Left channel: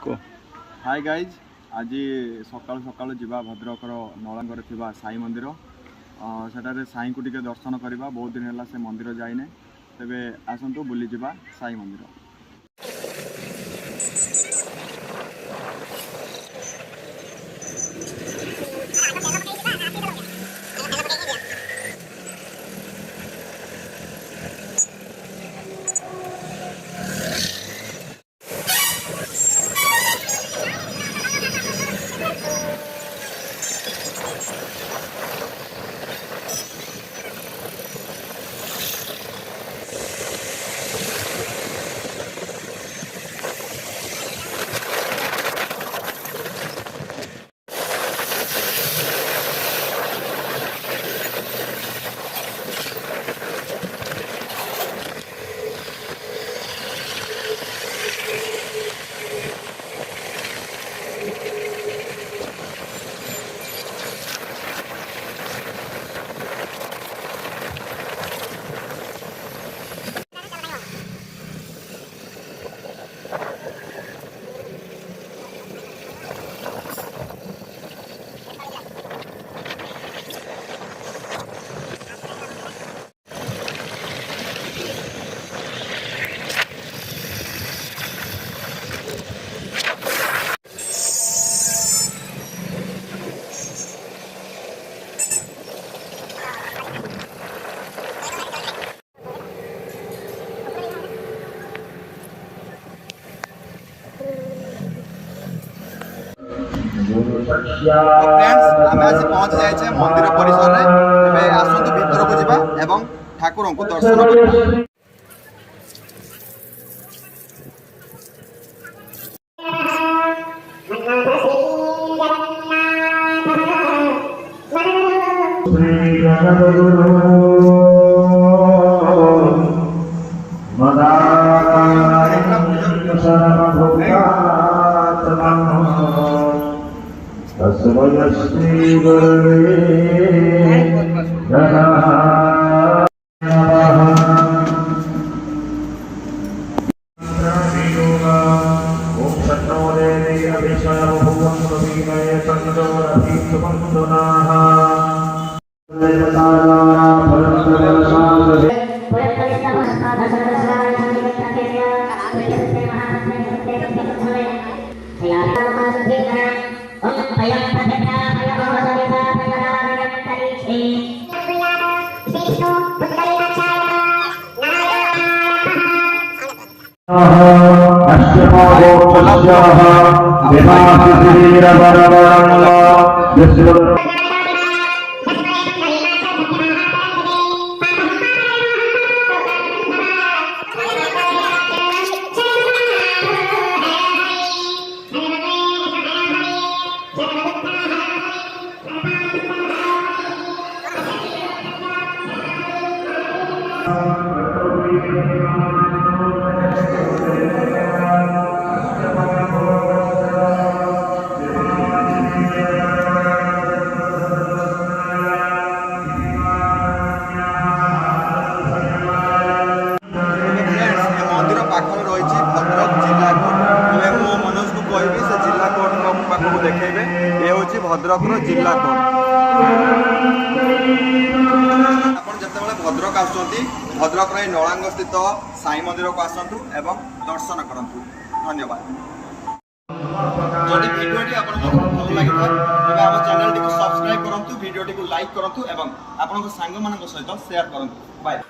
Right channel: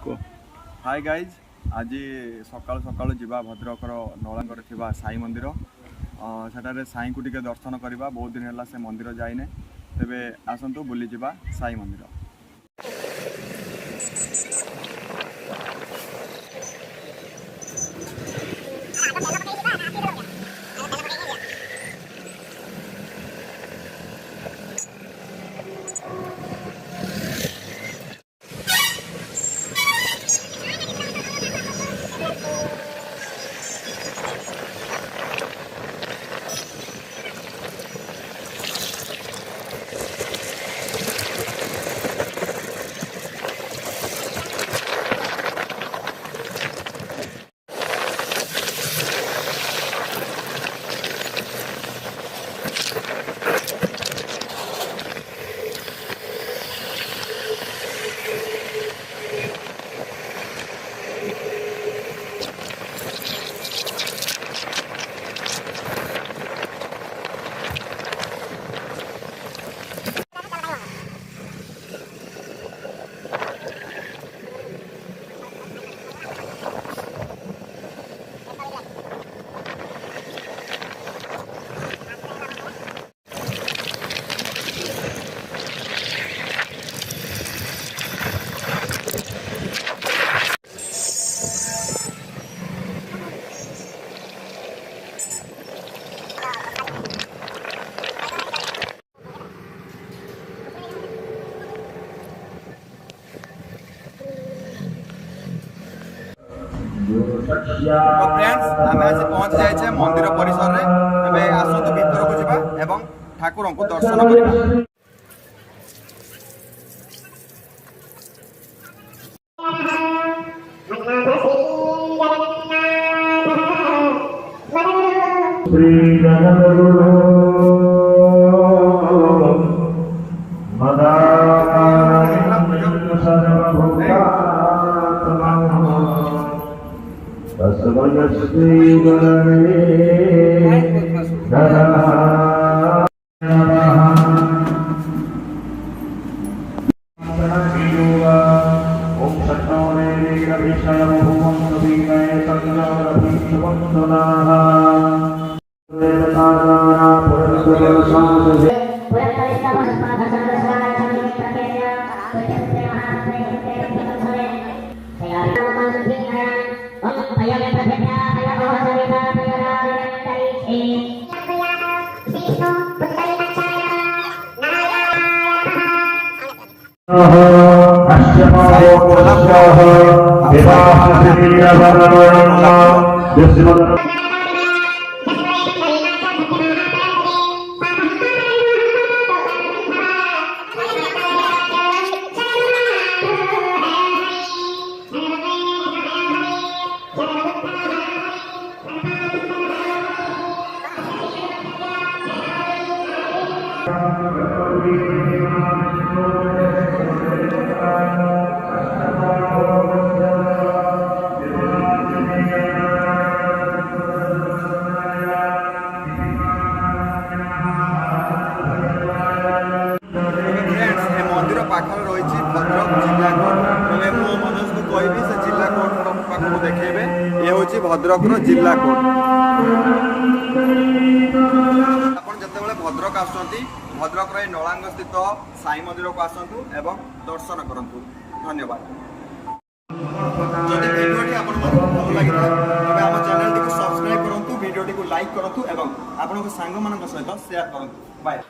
Hi guys आज सकाल सकाल जावा भद्रकर नलांगर थिबा साई मंदिर सेठारे साई को टिके दर्शन करवा। बहुत दिन है से मंदिर जाइने, तेबे आसतु बुली जावा साई मंदिर। तो फ्रेंड्स आम आज पहुँच जाए मंदिर परिसर में। आसतु भीतर को जावा एवं ठाकुर को दर्शन करवा। पाखर रही भद्रक जिला कोर्ट। मो मनोज को कहबी से जिला कोर्ट पाखक देखेबे। ये हूँ भद्रक जिला कोर्ट। आप जिते भद्रक आसुँच भद्रक नलांग स्थित साई मंदिर को आसतु एवं दर्शन करूँ। धन्यवाद। जदि भिडियोटी आपको भल लगी तेज आम चैनल टी सब्सक्राइब करूँ, भिडियोटी को लाइक करूँ एवं आपण सांग मान सहित शेयर करूँ। बाय।